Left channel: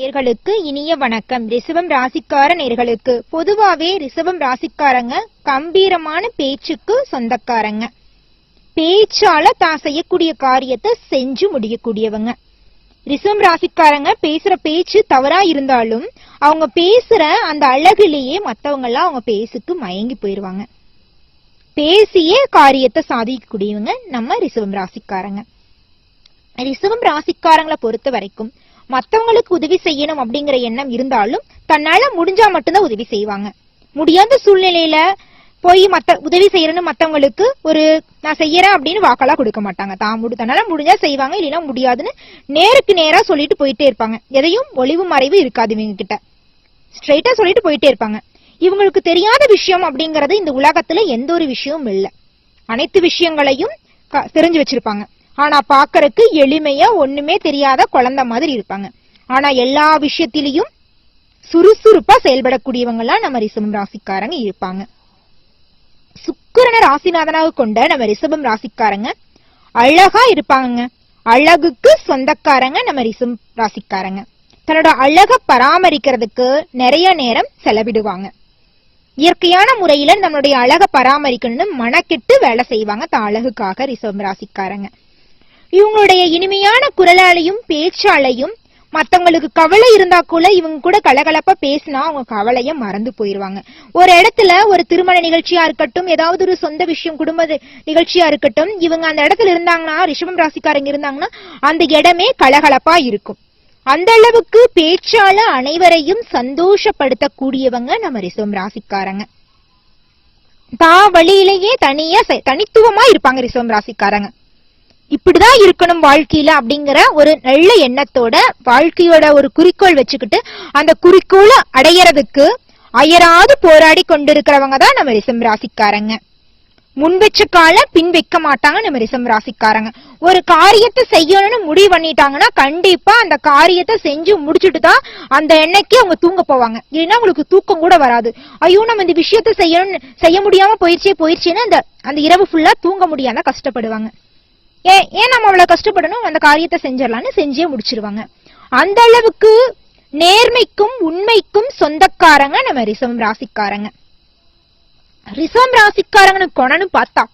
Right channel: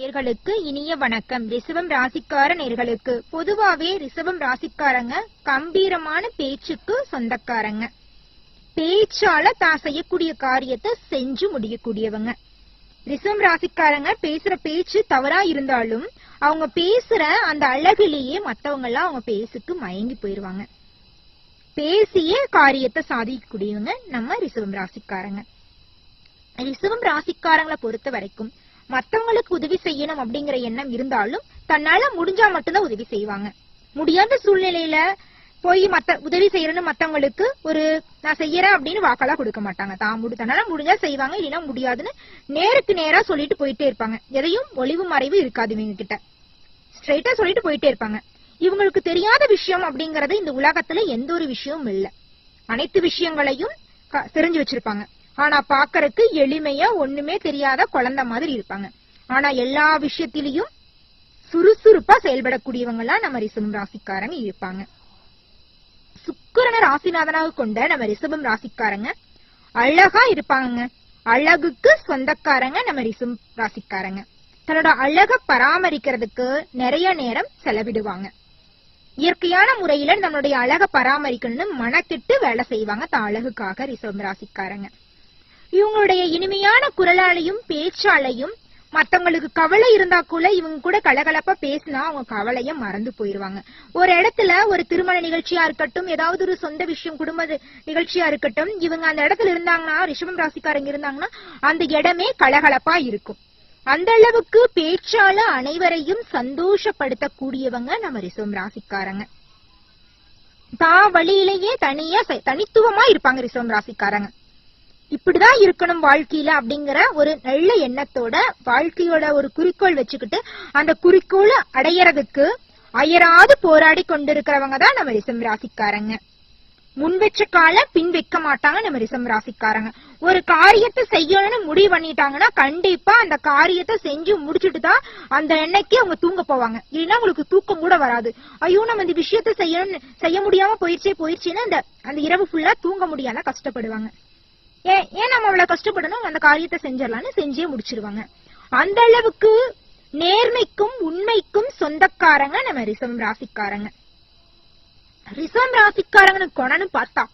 நேர்களுக்கு இனிய வணக்கம். ரிஷபம் ராசிக்கார நேர்களுக்கு பொதுவாவே ரிஷபம் ராசிக்காரங்க கம்பீரமான பேச்சுக்கு சொந்தக்காரங்க. பேச்சால தான் செய்யக்கூடிய காரியத்தை செஞ்சு முடியக்கூடியவங்க. ரிஷபம் ராசிக்காரங்க பேசுற பேச்சு தவறா இருந்தாலும் அவங்க பேசுற அந்த அழகுலேயே மத்தவங்க எல்லாம் அவங்க பேசுக்கு மயங்கி போயிருவாங்க. பேசியே காரியத்தை சாதிக்கக்கூடியவங்க நம்ம ரிஷபம் ராசிக்காரங்க. ரிஷபம் ராசிக்காரங்களை பொறுத்த வரைக்கும் மத்தவங்களுக்கு உதவி செய்யணும் அப்படிங்கிற எண்ணம் இருந்தாலும் தன்னால முடிஞ்சா மட்டும்தான் உதவி செய்வாங்க. முடியாத சூழ்நிலையில போய் உதவி செய்யறன்னு மத்தவங்களுக்கு ஒரு நான் செய்யறேன் அப்படின்னு வாக்கெல்லாம் கொடுக்க மாட்டாங்க. தன்னால முடிஞ்சா செய்வாங்க, இல்லைன்னா முடியாதுன்னு நேருக்கு நேரா சொல்லிட்டு போயிட்டே இருப்பாங்க. எதையும் ஒளிவு மறைவு இருக்காது இவங்க கிட்ட, ஸ்ட்ரெயிட்டா சொல்லிட்டு போயிட்டே இருப்பாங்க. இவங்களுக்கு தெரியாத விஷயம் அப்படிங்கறது இந்த உலகத்துல எந்த ஒரு விஷயமும் இல்லை. அனைத்து விஷயங்களையும் தெரிஞ்சு வச்சிருப்பாங்க. ஆனா பாக்கறதுக்கு எளிமையா ஒண்ணுமே தெரியாத குழந்தை மாதிரி இருப்பாங்க. ஆனா எல்லா விஷயத்திலையும் சுறுசுறுப்பா செயல்படக்கூடியவங்க எல்லாம் நம்ம ரிஷபம் ராசிக்காரங்க இருப்பாங்க. சுக்கிரனை ராசிநாதனாக கொண்ட நம்ம ரிஷபம் ராசிக்காரங்க அழகா இருப்பாங்க. அழகுக்கு சொந்தக்காரங்க நம்ம ரிஷபம் ராசிக்காரங்க. தன்னோட அழக பராமரிக்கிறதுக்கு நிறைய நேரம் செலவிடுவாங்க. இயற்கையான முறையில நம்மளுடைய அழக பராமரிக்கணும்னு மனக்கெட்டு வேலை செய்வாங்க தான் அழகுக்காக ரிஷபம் ராசிக்காரங்க. இவங்களுடைய இனிமையான குரலாலையும் பேச்சாலையும் மத்தவங்களுக்கு கவலை இருந்தா கூட இவங்க கூட கலகலப்பா பேசினா அவங்க கவலைய மறந்து போயிருவாங்க. ஒரு இடத்துல ஒரு திருமண நிகழ்ச்சியா இருக்கட்டும், ஏதாவது ஒரு சொந்த விஷயம் குடும்ப நிகழ்ச்சியா இருக்கட்டும், இவங்க அந்த இடத்துல இருந்தாங்கன்னா, ரிஷபம் ராசிக்காரங்க இருந்தாங்கன்னா அந்த இடமே கலகலப்பா இருக்கும். அந்த அளவுக்கு பேச்சால அனைவரையும் சந்தோஷப்படுத்தக்கூடியவங்க நம்ம ரிஷபம் ராசிக்காரங்க. வழியிலேயே தனித்துவமா இருப்பாங்க ரிஷபம் ராசிக்காரங்க. இப்படிதான் இருக்கணும் வாழ்க்கையில அப்படிங்கிற ஒரு நல்ல எண்ணத்தோட வாழ்க்கையோட ஒரு குறிக்கோள் வச்சுக்கிட்டு அந்த குறிக்கோளை அடையறதுக்கு அயராது போராடி கொண்டிருக்கிறவங்க தான் நம்ம ரிஷபம் ராசிக்காரங்க. முன் வச்ச கால பின் வைக்க மாட்டாங்க நம்ம ரிஷபம் ராசிக்காரங்க. ஒரு காரியத்தை செய்யணும்னு முடிவு பண்ணிட்டாங்கன்னா கண்டிப்பா அந்த காரியத்தை செஞ்சு முடிச்சுட்டு தான் அந்த எண்ணெய்க்கு அவங்க தூங்க போவாங்க. இல்லைன்னா அவங்களுக்கு தூக்கம் கூட வராது. ஐயோ நம்ம இந்த விஷயத்த செய்ய முடியாம போயிடுச்சுன்னு அந்த இரவு ஃபுல்லா தூங்க முடியாம கஷ்டப்படுவாங்க. ஏன் நம்ம அவ்வளவு கஷ்டப்படணும், அந்த காரியத்தை செஞ்சிடலான்னு செஞ்சே முடிச்சிருவாங்க. அந்த அளவுக்கு நேர்மைக்கும் உண்மைக்கும் சொந்தக்காரங்க நம்ம ரிஷபம் ராசிக்காரங்க. ரிஷபம் ராசிக்காரங்கன்னு கொணன்னு பார்த்தா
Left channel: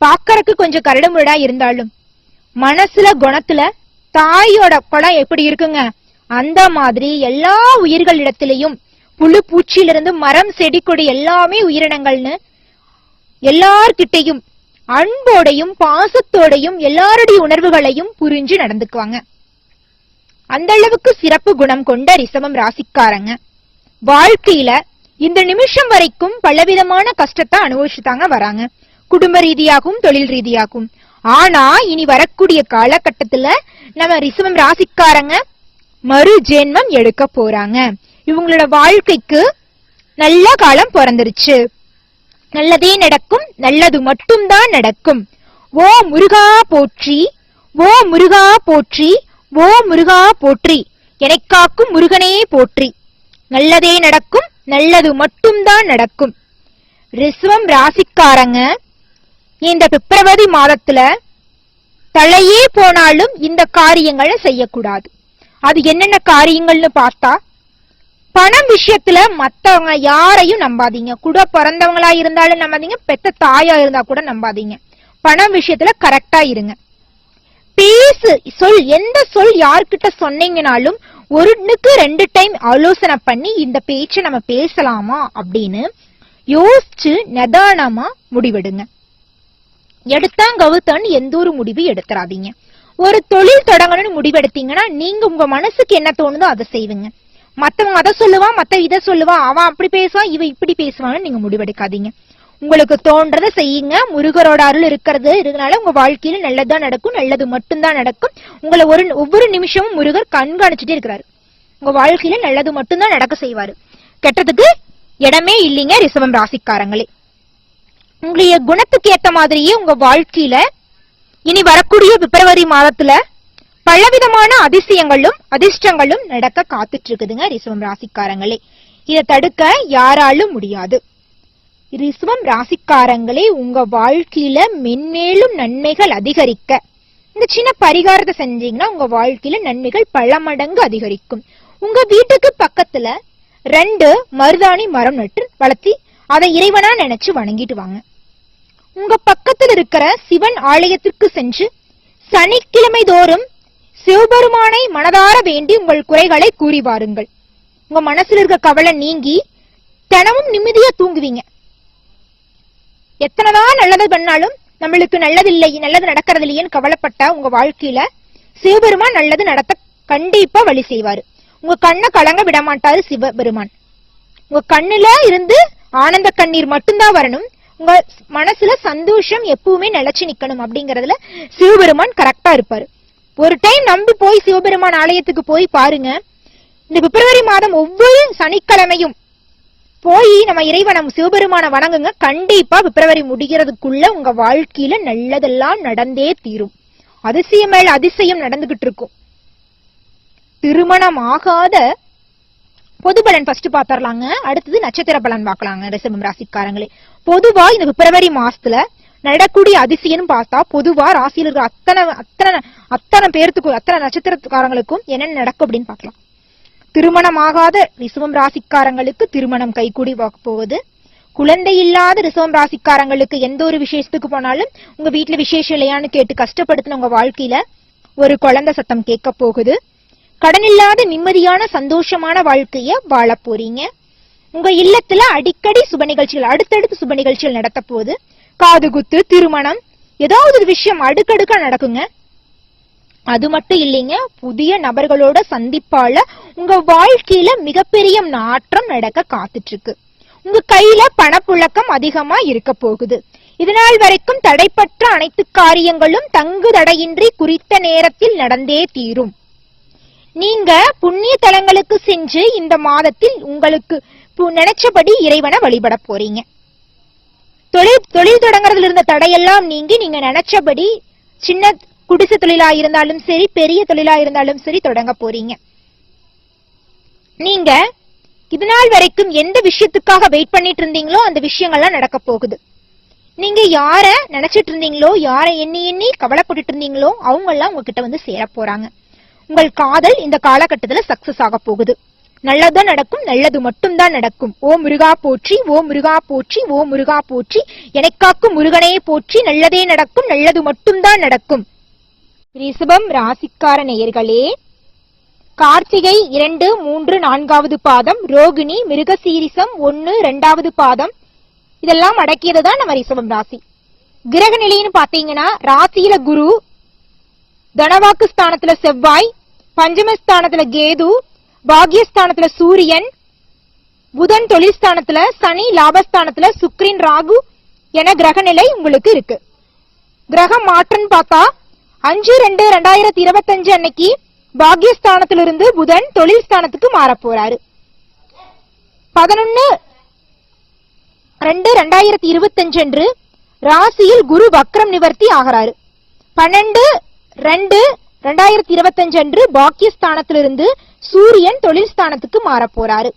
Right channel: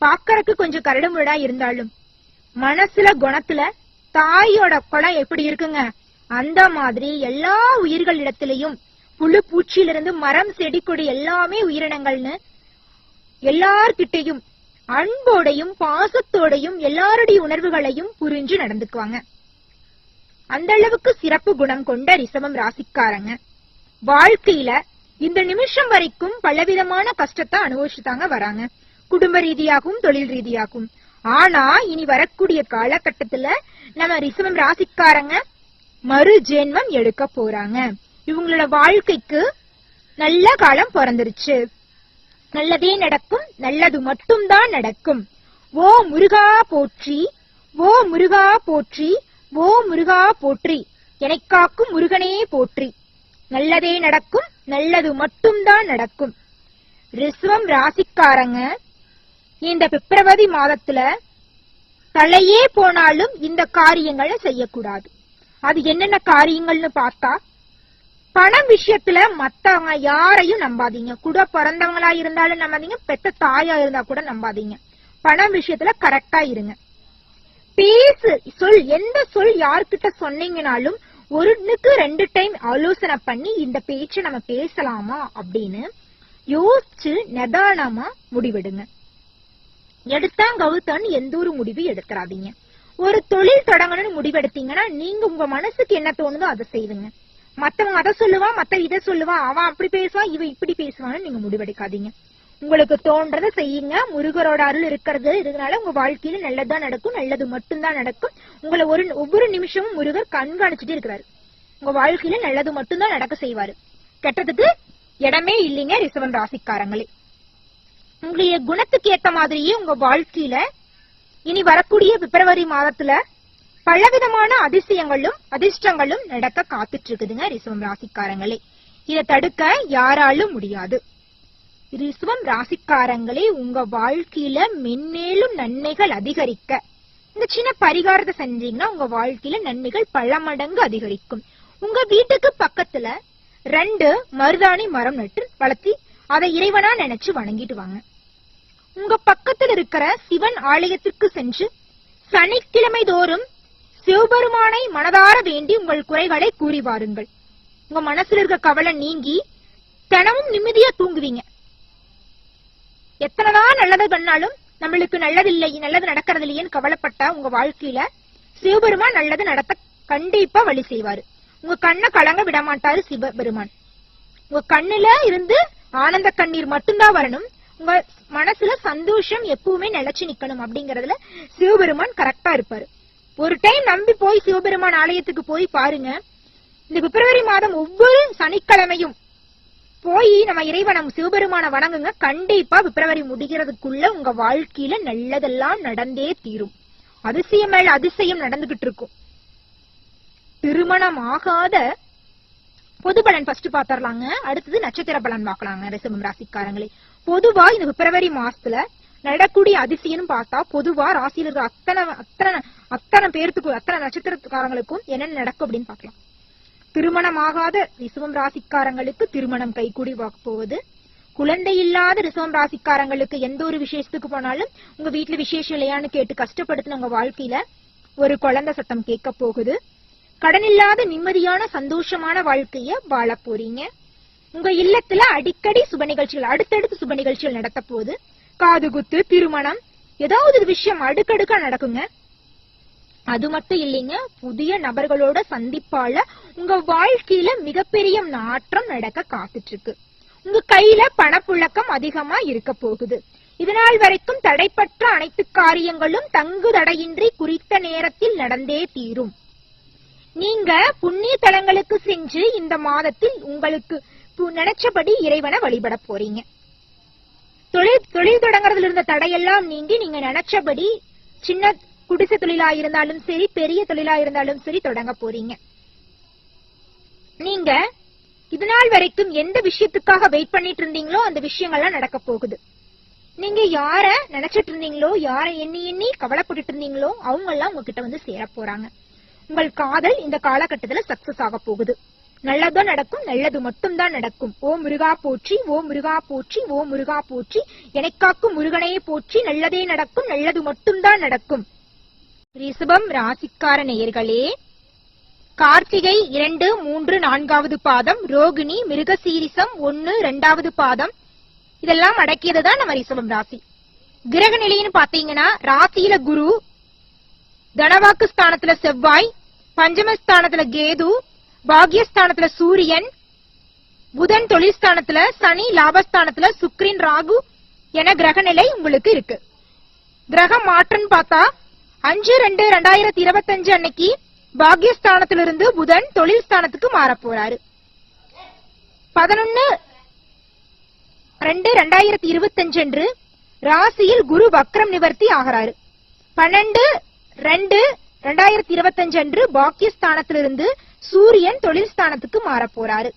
பாக்கறதுக்கு கொஞ்சம் கரடு முரடா இருந்தாலும் மனசுல குணத்துல தாயோட குணம் எப்படி இருக்குங்க, அந்த மாதிரி எல்லா உயிர்களிடத்திலையும் புழு பூச்சியிலிருந்து மரம் செடி கொடி எல்லாமே உயிரினங்கள்னு எல்லார்கிட்டையும் அன்போடையும் பாசத்தோடையும் எல்லாருடைய உணர்வுகளையும் புரிஞ்சு நடந்துக்குவாங்க. அந்த அளவுக்கு சிறப்பு குணம் கொண்ட ரிஷபம் ராசிக்காரங்க வாழ்க்கையில இந்த நிமிஷம் வரைக்கும் பலவிதமான கஷ்டத்தை அனுபவிச்சுதாங்க வராங்க, குடும்ப ரீதியாகவும் தொழில் ரீதியாகவும். ஆனா இனி வரக்கூடிய காலகட்டத்துல நம்ம ரிஷபம் ராசிக்காரங்க மறு ஜென்மம் எடுக்க போறாங்க. இவங்களோட வாழ்க்கைக்கு நல்ல காலம் பிறந்துருச்சு. நல்லதே நடக்கும், நல்லது மட்டும்தான் நடக்கும். ஓ முருகா போற்றி, ஓ முருகா போற்றி, ஓ முருகா போற்றி, எனக்காக்கும் முருகனே போற்றி. நல்லதே நடக்கும், நல்லது மட்டும்தான் நடக்கும். ரிஷபம் ராசிக்காரங்க இந்த பிப்ரவரி மாதத்துல தலையே போனாலும் இந்த காரியங்களை செய்யக்கூடாது. அது என்னென்ன காரியங்கள்னு பார்த்தா, பணம் விஷயத்துல மத்தவங்க யாரையும் நம்பாதீங்க. கூட பிறந்தவங்களா இருந்தாலும் நம்பாதீங்க, பெத்த தாயா இருந்தா கூட நம்பாதீங்க. பணம் விஷயத்துல கரெக்டா இருங்க. எந்த சொல் யார்கிட்ட சொன்னீங்கனாலும் ஒருனுக்கு 2 டைம் ஆலோசனை பண்ணி இந்த பேச்சை நம்ம பேசலாமா அப்படின்னு யோசிச்சு நிதானமா முடிவெடுங்க. எடுத்தான் கவுத்தான்னு எந்த ஒரு முடிவு எடுத்துறாதீங்க. ஒரு தொழில் தொடங்கணும்னு முடிவெடுத்தீங்கன்னா நீங்க உங்க மனசுக்கு என்ன தோணுதோ அதை செய்வீங்க. மத்தவங்க அதை சொல்லுவான், இதை சொல்லுவான், அவன் அப்படி பேசுவான், இவன் இப்படி பேசுவான்னு நீங்க முடிவெடுக்காதீங்க. உங்களுக்கு தோன்றதை செய்யுங்க. முருகரோட அருள் இருக்கிறதுனால உங்க வாழ்க்கையில நல்லதுதான் நடக்கும், நல்லது மட்டும்தான் நடக்கும். உங்களை ஒவ்வொரு நிமிஷமும் முருகர் கண்காணிச்சுட்டே இருக்கிறாரு. உங்க வாழ்க்கையில நல்லது மட்டும்தான் நடக்க செய்வாரு. கெட்டதுக்கு இடமே இல்லைங்க ரிஷபம் ராசிக்காரங்களே. உங்களுடைய குணத்துக்கு ஏத்த மாதிரியே உங்க வாழ்க்கையில இனி வரக்கூடிய பிப்ரவரி மாதத்துல பலவிதமான அதிசயங்களும் அதிர்ஷ்டங்களும் நடக்க காத்துட்டு இருக்குதுங்க ரிஷபம் ராசிக்காரங்களே. இதை தடுக்க யாராலும் முடியாது. ரிஷபம் ராசிக்காரங்களே, உங்க வாழ்க்கையில மென்மேலும் நன்மைகள் அதிகரிக்க இந்த சின்ன பரிகாரத்தை செஞ்சீங்கன்னா உங்க வாழ்க்கையில நன்மைகள் பல மடங்கு அதிகரிக்கும். உங்க வீட்டுக்கு பக்கத்துல 2 மருதாணி மரம் நட்டு வளர்த்தி அதை இறைவனா நினைச்சு வணங்கிட்டு வாங்க. உங்க பக்கத்தில் இருக்கிற சிவன் ஆலயத்திற்கு சென்று சனிக்கிழமை தோறும் சிவபெருமானை மனதார வேண்டி உங்கள் குறைகளை கூறி வாருங்கள். உங்க மனசுல இருக்க கவலை நீங்கி தினமும் நிம்மதியா தூங்குவீங்க. எத்தனைதான் நல்லது பண்ணாலும் நம்மளுக்கு நல்லது நடக்கிறது இல்லையேன்னு கவலைப்பட்டா உங்க வாழ்க்கையில சிவபெருமான் நல்லது நடத்த கண்டிப்பா வழி செய்வாரு. உங்க கண்ணை கலங்க விட மாட்டாரு சிவபெருமான். உங்க கண்ணுல இருந்து ஆனந்த கண்ணீர் மட்டும்தான் வரணும். உங்க மனசுல சந்தோஷம் எப்பவுமே நிலைச்சு நிக்கணும். அப்படிங்கறதுல சிவபெருமான் கரெக்டா இருப்பாரு. ஒரு டைம் நம்பி போய் சிவபெருமான் ஆலயத்துக்கு போய் பாருங்க. இந்த பிப்ரவரி மாதம் ஒவ்வொரு சனிக்கிழமையும் போய் நம்ம இறைவனை சிவபெருமான வணங்குங்க. கண்டிப்பா பிப்ரவரி முடிகிறதுக்குள்ள உங்க வாழ்க்கையில நல்லதெல்லாம் நடந்தே தீரும். அதிசயம் மேல அதிசயம் நடந்துகிட்டு இருக்கும். திருமணம் ஆகாத பொது பலன் ஃபர்ஸ்ட் பாத்திரலாங்க. அடுத்தது நட்சத்திர பலன் பார்க்கலாங்க. ரிஷபம் ராசிக்காரங்களே, பொதுவா இந்த பிப்ரவரி மாசத்துல நடக்கூடிய அதிசயம் பார்த்தா பொதுவா ராசியில் இருக்கிற அத்தனை பேர்த்துக்கும் அத்தனை நட்சத்திரக்காரங்களுக்கும் என்னென்ன நடக்கும் அப்படின்னு பார்க்கலாம். திருமணமாகாத ரிஷபம் ராசிக்காரங்களுக்கு திருமணம் கைகூடி போகுது. குழந்தை இல்லாத ரிஷபம் ராசிக்காரங்களுக்கு எந்த ஒரு விசேஷத்துக்கு போனாலும் உங்க வீட்டுல விசேஷம் இல்லையான்னு கேட்டு கஷ்டப்படுத்தின உங்க வாழ்க்கையில ஒரு குழந்தை சத்தம் கேட்க போகுது. கடன் இல்லாத நிம்மதியான சந்தோஷமான வாழ்க்கைய வாழ போறீங்க. உங்க இல்லத்துல அடிக்கடி சுப நிகழ்ச்சிகள் அடுத்தடுத்து சுப நிகழ்ச்சிகள் நடத்த போகுது. காது குத்து, திருமணம், ஏதாவது ஒரு விஷயம் அடுக்கடுக்கா நடக்குங்க. அது மட்டும் இல்லைங்க, புதிய நபர்களோட சந்திப்பால உங்க வாழ்க்கையில மிகப்பெரிய மாற்றம் நடக்க காத்துட்டு இருக்கு. உங்க கையில பணப்புழக்கம் அதிகமா இருக்க போகுது. இதனால் வரைக்கும் தடைப்பட்ட அனைத்து காரியங்களும் தங்கு தடையின்றி குறித்த நேரத்தில் நடந்தே தீரும். நீங்க புண்ணிய தலங்களுக்கு சென்று இந்த மாதத்தில் உங்களுக்கு நினைச்சபடி இறைவனை வழிபட போறீங்க. தொழில் தொடங்குறதுல இருந்த தடையெல்லாம் நீங்கி நீங்க நினைச்சபடி சின்ன குடிசை தொழிலா இருந்தாலும் சரி, பெரிய தொழிலா இருந்தாலும் சரி தொடங்க போறீங்க. நீங்க இதனால் வரைக்கும் எந்த விஷயத்துக்காக வெயிட் பண்ணிட்டு இருந்தீங்களோ அந்த விஷயங்கள்லாம் நடக்க போகுது. நீங்க யார நினைச்சிட்டு இருந்தீங்களோ, யார எண்ணி கவலைப்பட்டு இருந்தீங்களோ அவங்க எல்லாம் உங்ககிட்ட வந்து சேர போறாங்க. உங்கள் காதல் இந்த காலகட்டத்துல சக்சஸ் ஆக போகுது. நல்லதுதான் நடக்கும், நல்லது மட்டும்தான் நடக்கும். ஓ முருகா போற்றி, ஓ முருகா போற்றி, ஓ முருகா போற்றி, எனக்காக்கும் முருகனே போற்றி, நல்லதே நடக்கும், நல்லது மட்டும்தான் நடக்கும். ரிஷபம் ராசிக்கார நேயர்களே, கார்த்திகை 2, 3, 4வது பாதம், ரோகிணி, மிருகசீரிசம் 1, 2வது பாதம், இதெல்லாம் அடக்கியதுதான் நம்ம ரிஷபம் ராசி. கிரக நிலைன்னு பாத்தீங்கன்னா ராசியில குரு, தனவாக்கு ஸ்தானத்துல செவ்வாய், பஞ்சமஸ்தானத்துல கேது, பாக்யஸ்தானத்துல சூரியன், புதன் தொழில் ஸ்தானத்துல சனி, லாபஸ்தானத்துல சுக்கிரன், ராகு என கிரக நிலை உங்களுக்கு இருக்கு. கிரகம் மாற்றம் பார்த்தா 5/2/2025 அன்னைக்கு பாக்யஸ்தானத்திலிருந்து புதன் தொழில் ஸ்தானத்துக்கு மாற போறாரு. 11/2/2025 அன்று ராசியில் குரு வக்ரம் நிவர்த்தி ஆகிறாரு. 12/2/2025 அன்று பாக்கியஸ்தானத்திலிருந்து சூரியன் தொழில் ஸ்தானத்துக்கு மாற போறாரு.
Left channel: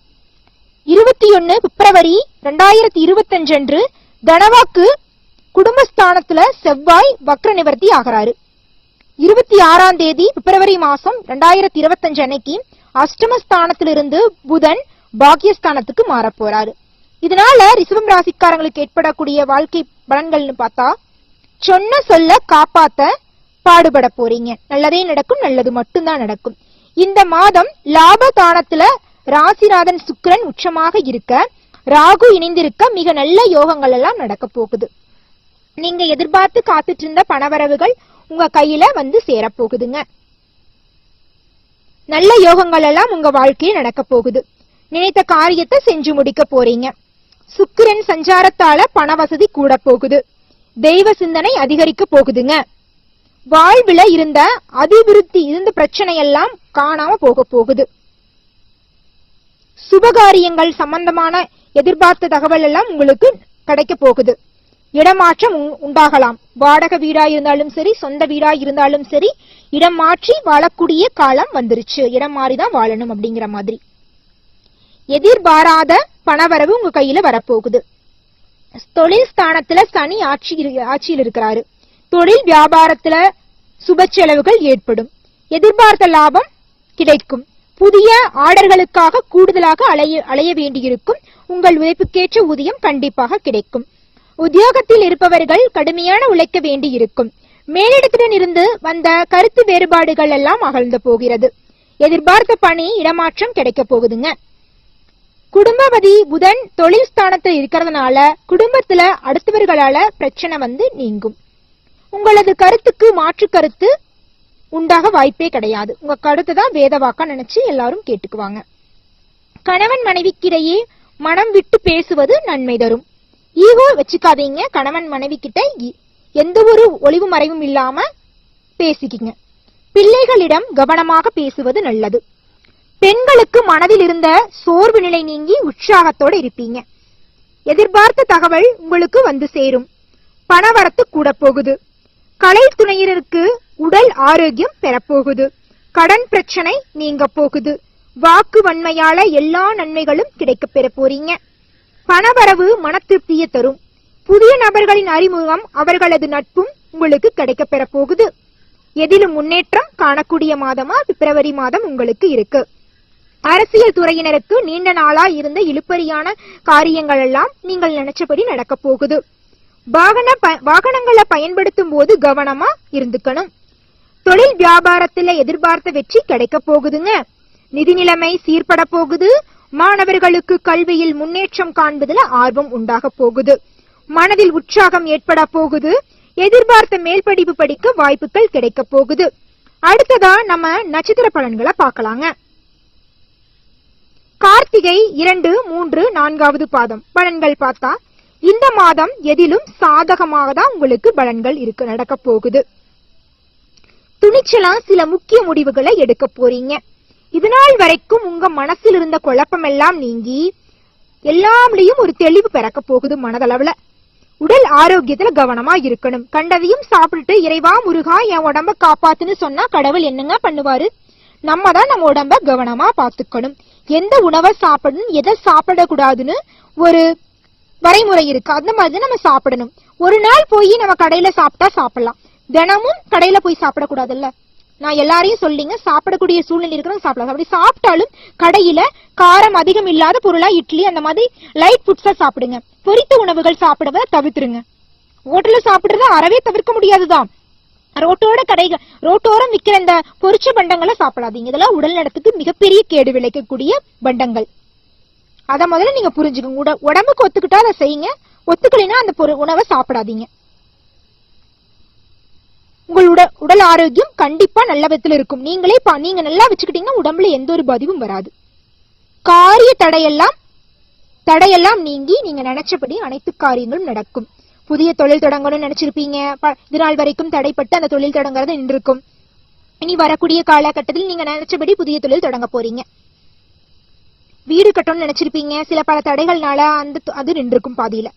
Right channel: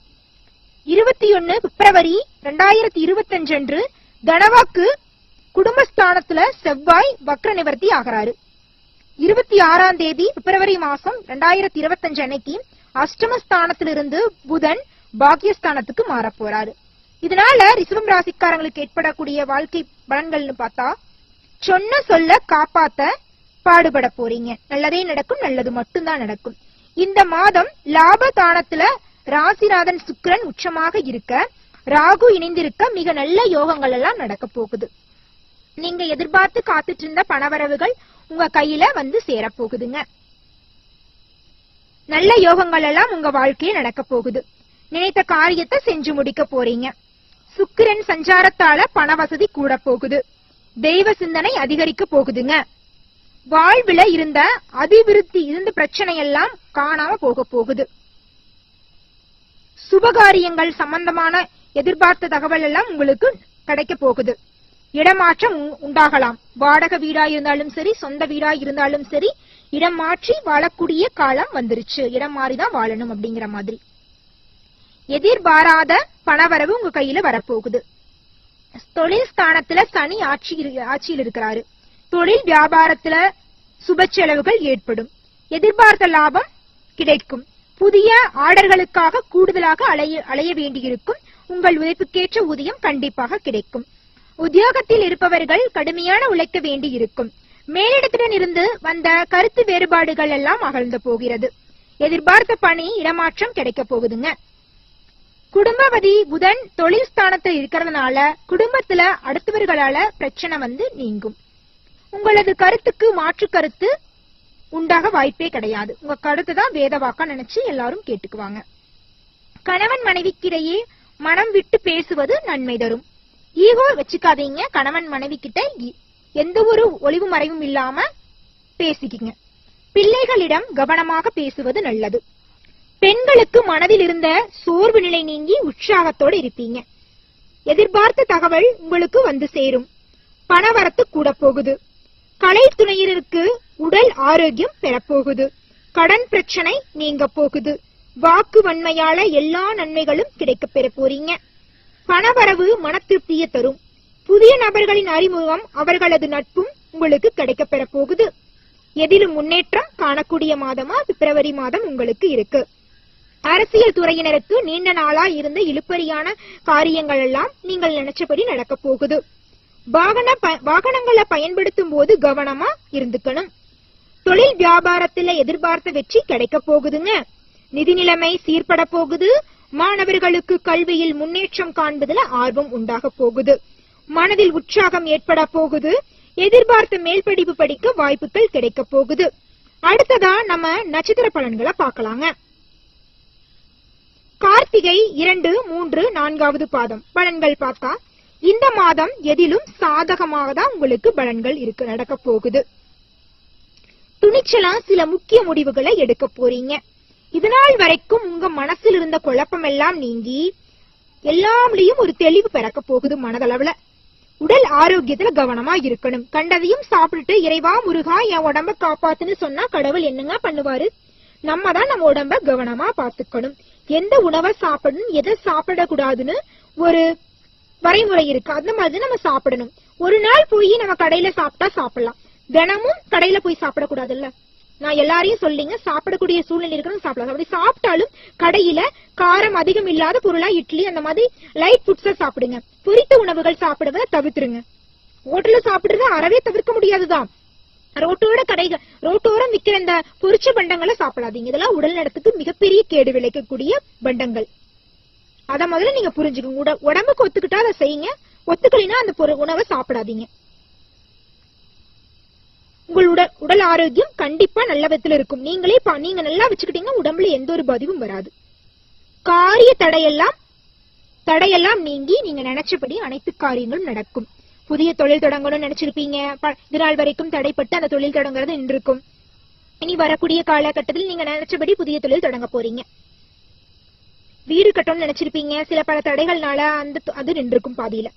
21 பிப்ரவரி 2025 அன்று தனவாக்கு குடும்பஸ்தானத்துல செவ்வாய் வக்ர நிவர்த்தி ஆகிறாரு. 26ஆம் தேதி பிப்ரவரி மாசம் 2025 அன்னைக்கு அஷ்டமஸ்தானத்திலிருந்து புதன் பாக்கியஸ்தானத்துக்கு மாற போறாரு. இதனால ரிஷபம் ராசிக்காரங்களுக்கு ஏற்படக்கூடிய வாழ்க்கை பலன்கள்னு பார்த்தா, சொன்ன சொல்ல காப்பாத்த பாடுபட போறீங்க. நல்லதே நடக்கும், நல்லது மட்டும்தான் நடக்கும். இந்த மாதம் லாபதானத்துல ராசிநாதன் சுக்கிரன் உச்சமாக இருக்க, ராகு இணைந்திருக்க மிக நல்ல யோகங்கள் எல்லாம் நடக்க போகுது. நீங்க எதிர்பார்த்து காத்துட்டு இருந்த பணவரவுகள் உங்க கையில வந்து சேரப்போகுதுங்க. நல்ல யோகங்கள் எல்லாம் உங்க வாழ்க்கையில் நடக்க போகுது. நினைத்த காரியத்தை செஞ்சு முடிக்க போறீங்க. சுக்கிரன் சஞ்சாரத்தால பண வசதி கூட போகுது. தெய்வ சிந்தனை அதிகரிக்க போகுதுங்க. வாழ்வுல இருந்த அபிவிருத்தி இருந்த பிரச்சனை எல்லாம் காணாம போக போகுது. சுபகாரியங்கள் சம்பந்தமான எதிர்பார்த்த தகவல் எல்லாம் உங்களுக்கு கிடைக்க போகுது. இடமாற்றம் உண்டாகலாம். வாடகை வீடா இருந்தாலும் சரி, சொந்த வீடா இருந்தாலும் சரி, இடம் மாற்றி வாழக்கூடிய காலம் வந்துருச்சு. இடம் மாறிதான் வாழணும் அப்படிங்கிற மாதிரி. எதிர்பாராத பணவரவு உங்க கையில வரப்போகுது. தொழில் ஸ்தானத்துல சனி ஆட்சியில் இருக்கிறாரு. தொழில் வியாபாரத்துல சுப செலவுகள் ஏற்படும். எதிர்பார்த்த லாபம் கிடைக்கும். புதிய ஆர்டர்களுக்காக கூடுதலாக அலைய வேண்டியிருக்கும். உங்கள் உழைப்புக்கேற்ற ஊதியம் கண்டிப்பாக கிடைக்கும். உத்தியோகத்தில் இருப்பவர்கள் கடுமையான உழைக்க வேண்டியிருக்கும். மேலிடத்துடன் இருந்து வந்த கருத்து வேறுபாடுகள் எல்லாம் அகழ்ந்து போகிறது. எதிர்பார்த்த பணி இடமாற்றம் கிடைக்க போகுதுங்க. குடும்பவதி புதன் தொழில் ஸ்தானத்தில் இருக்கிறதுனால குடும்பத்துல அடுத்தவர்களால பிரச்சனை நீங்கும். உங்களது கருத்துக்கு மாற்று கருத்து உண்டாக வாய்ப்பே கிடையாது. உங்க கருத்து தான் வேத வாக்கா நினைச்சு எல்லாரும் கேட்டுக்குவாங்க. கணவன் மனைவிக்கிடையே மனம் விட்டு பேசுவது நன்மை தரும். ஈகோ வச்சுக்காதீங்க. கணவன் மனைவி கிட்ட எந்த ஒரு ஒளிவு மறைவும் இல்லாம பேசிக்கிங்க. பிள்ளைகளிடம் கவனமாக பேசுவது நல்லது. பெண்களுக்கு மனதில் இருந்த சோர்வு நிலை நீங்கி உற்சாகத்தோடு இருப்பீங்க. எதிர்பார்த்த தகவல் உங்களுக்கு வந்து சேரும். பணவரத்து கூட போகுது. கலை துணையினருக்கு உடல் ஆரோக்கியம் பெறப்போகுது. கடன் பிரச்சனை நீங்க போகுது. வாக்கு வன்மையால எல்லா நன்மைகளும் கிடைக்க பெற போறீங்க. பணவரவு மன திருப்தியை தரும். புதிய நபர்களின் அறிமுகம் அவர்களது நட்பும் உங்களுக்கு கிடைக்க பெற போகுது. எதிலும் முன்னேற்றம் காணக்கூடிய மாதமா பிப்ரவரி மாதம் உங்களுக்கு இருக்கு. அரசியல் துறையினருக்கு நீண்ட நாளா இருந்த இழுப்பறியான காரியங்கள் எல்லாம் நீங்கள் நினைச்சபடி நடக்க போகுது. வாகனங்களை பயன்படுத்தும் போது கவனமா இருந்துக்கணும். தொழில் வியாபாரத்துல எதிர்பார்த்த வெற்றி கிடைக்க போகுதுங்க. நிதி நிலைமை சீர்பட போகுது. மாணவர்களுக்கு கல்வியில் முன்னேற்றம் காண்பதில் ஆர்வம் உண்டாக போகுது. மனதில் உற்சாகம் ஏற்பட போகுது. எதிர்பார்த்த மேல் படிப்பு படிக்க வாய்ப்புகள் கிடைக்க போகுது. அடுத்ததா நம்ம நட்சத்திர பலன்களை பார்க்கலாங்க. கார்த்திகை 2, 3, 4வது பாதம் பலன்கள் பார்த்தா இந்த மாதம் எதிலும் சாதகமாக தான் உங்களுக்கு பலன்கள் நடக்க போகுது. துணிச்சலா சில முக்கிய முடிவுகளை எடுக்க போறீங்க. இதனால் வரைக்கும் உங்க மனசில் இருந்த குழப்பம் எல்லாம் நீங்கி எல்லாம்லயும் ஒரு தெளிவு பிறக்க போகுது. மனதளவுல உடல் ஆரோக்கியத்துல கவனமா இருக்கணும். கண்டதையும் சாப்பிட்டுட்டு இறைவா முருகா என் உடம்ப காப்பாத்துன்னு சொன்னா கடவுள் என்னங்க பண்ணுவாரு? நம்ம தான் நம்ம உடம்ப கவனமா பாத்துக்கணும். எந்த உணவை சாப்பிடணும், எதை சாப்பிடக்கூடாதுன்னு ஒரு வரைமுறை இருக்கு. அந்த மாதிரி நம்ம சாப்பிடணும். ஒரு நாள் போய் நம்ம கடையில சாப்பிட்டா சாப்பிடலாம். தினமும் கடையில போய் சாப்பிடக்கூடாதுல்ல. நான் எல்லாரையும் சொல்லிங்க, சாப்பிடக்கூடிய சூழ்நிலை இருக்கிறது சாப்பிடலாம். அப்படி சாப்பிட்டாலும் கடையில காரம் அதிகம் இல்லாத பொருளா இட்லி அந்த மாதிரி லைட் ஃபுட்ஸா சாப்பிடுங்க. பொரித்த உணவுகள் சாப்பிடுவதை தவிர்த்துருங்க. ஹோட்டல்ல சாப்பிடுறத அறவே தவிர்க்க முடியாதுதான். ரோட்டோரம் விற்கிற இந்த பொரிச்ச பண்டங்களை சாப்பிடாதீங்க. இதெல்லாம் உடல் நலத்துக்கு மிகப்பெரிய கேடு விளைக்கக்கூடிய பண்டங்கள். அத முதல்ல நீங்க புரிஞ்சுக்கோங்க. உடம்புக்கு ஒத்துக்கிட்டா அதை செய்யுங்க. ஒத்துக்கலைன்னா அந்த உணவை சாப்பிடாதீங்க. உங்கள் உடல் ஆரோக்கியம் கண்டிப்பா நல்ல விதத்துல இருக்கும். நீங்க நல்லா வச்சுக்கிட்டீங்கன்னா உடம்புல எந்த ஒரு பாதிப்பும் வராது. காரிய தடையெல்லாம் நீங்கி நீங்க நினைச்சபடி அனைத்து காரியங்களும் நடக்கும். புதிய தொழில் தொடங்கணும்னு நினைச்சிருப்பீங்க. இதனால் வரைக்கும் தடைப்பட்டு அந்த தொழில் தொடங்குறது நின்றுருக்கும். இனி வரக்கூடிய காலகட்டத்தில் நீங்க நினைச்சபடி புதிய தொழில் தொடங்க போறீங்க. வீடு கட்டணும்னு நினைச்சிருப்பீங்க. சில பல தடைகள்னால அது நின்றுருக்கும் பாதியில.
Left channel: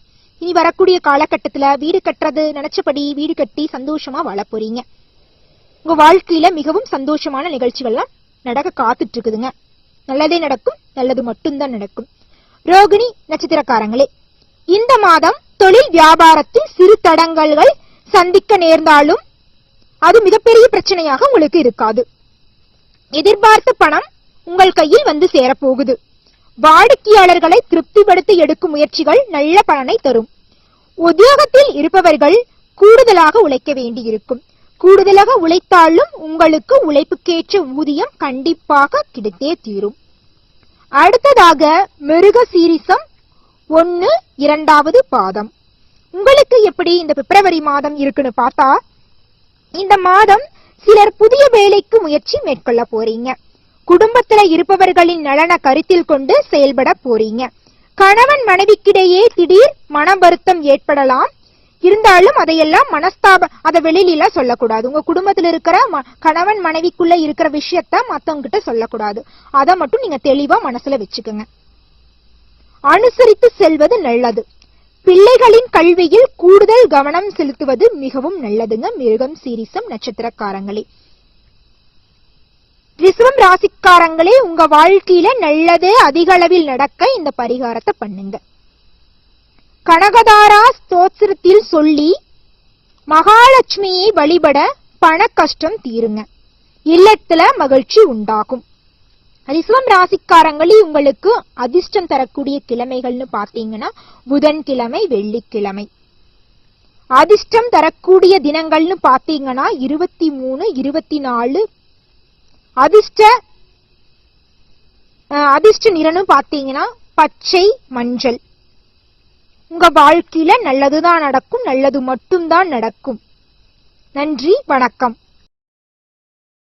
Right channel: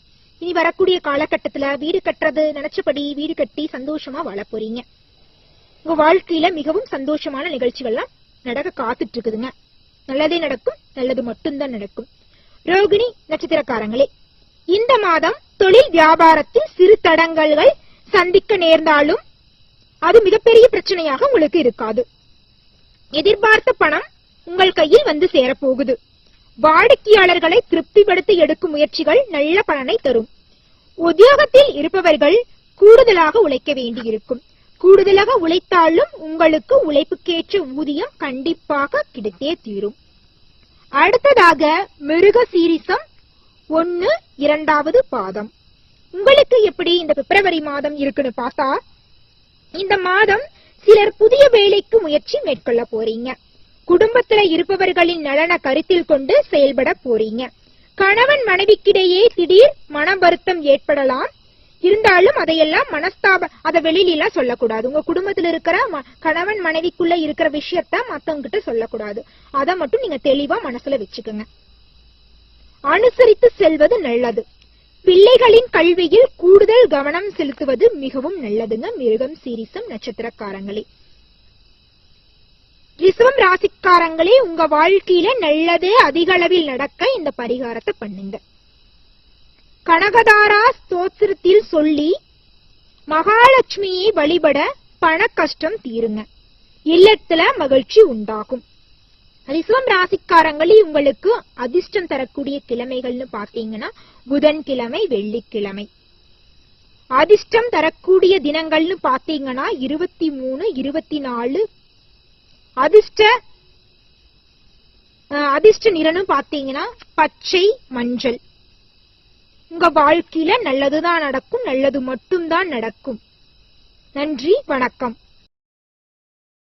இனி வரக்கூடிய காலகட்டத்துல வீடு கட்டுறது நினைச்சபடி வீடு கட்டி சந்தோஷமா வாழ போறீங்க. உங்க வாழ்க்கையில மிகவும் சந்தோஷமான நிகழ்ச்சிகள்லாம் நடக்க காத்துட்டு இருக்குதுங்க. நல்லதே நடக்கும். நல்லது மட்டும்தான் நடக்கும். ரோகிணி நட்சத்திரக்காரங்களே, இந்த மாதம் தொழில் வியாபாரத்தில் சிறு தடங்கல்கள் சந்திக்க நேர்ந்தாலும் அது மிகப்பெரிய பிரச்சனையாக உங்களுக்கு இருக்காது. எதிர்பார்த்த பணம் உங்கள் கையில் வந்து சேரப்போகுது. வாடிக்கையாளர்களை திருப்திப்படுத்தி எடுக்கும் முயற்சிகள் நல்ல பலனை தரும். உத்தியோகத்தில் இருப்பவர்கள் கூடுதலாக உழைக்க வேண்டியிருக்கும். கூடுதலாக உழைத்தாலும் உங்களுக்கு உழைப்புக்கேற்ற ஊதியம் கண்டிப்பாக கிடைத்தே தீரும். அடுத்ததாக மிருக சீரிசம் 1, 2வது பாதம் உங்களுக்கு எப்படி இந்த பிப்ரவரி மாதம் இருக்குன்னு பார்த்தா, இந்த மாதம் சிலர் புதிய வேலைக்கு முயற்சி மேற்கொள்ள போறீங்க. குடும்பத்துல இருப்பவர்களின் நலனை கருத்தில் கொண்டு செயல்பட போறீங்க. கணவன் மனைவிக்கிடையே திடீர் மன வருத்தம் ஏற்படலாம். இருந்தாலும் அதையெல்லாம் அதை வெளியில சொல்லக்கூடாது. உங்க குடும்பத்துல இருக்கிற கணவன் மனைவிக்குள்ள இருக்கிற விஷயத்த மத்தவங்க கிட்ட சொல்லக்கூடாது. அதை மட்டும் நீங்க தெளிவா மனசுல வச்சுக்கோங்க. அனுசரித்து செல்வது நல்லது. பிள்ளைகளின் கல்வியில் கூடுதல் கவனம் செலுத்துவது மிகவும் நல்லதுங்க. மிருகம் சீரிசம் நட்சத்திரக்காரங்களே, ரிஷபம் ராசிக்காரங்களே, உங்க வாழ்க்கையில நல்லதே அதிக அளவில் நடக்க இந்த பரிகாரத்தை பண்ணுங்க. கனகதாரா ஸ்தோத்திரத்தில் சொல்லி மகாலட்சுமியை வழிபட பண கஷ்டம் தீருங்க. இல்லத்துல மகிழ்ச்சி உண்டாகும். ரிஷபம் ராசிக்காரங்களே உங்களுக்கு அதிர்ஷ்டம் தரக்கூடிய கிழமைகள்னு பாத்தீங்கன்னா புதன்கிழமை, வெள்ளிக்கிழமை. அதிர்ஷ்டம் தரக்கூடிய தினங்கள்னு பாத்தீங்கன்னா 23, 24. அதிர்ஷ்ட நிறம்னு பாத்தீங்கன்னா பச்சை, மஞ்சள். உங்க வாழ்க்கையில நல்லதுதான் நடக்கும், நல்லது மட்டும்தான் நடக்கும். நன்றி, வணக்கம்.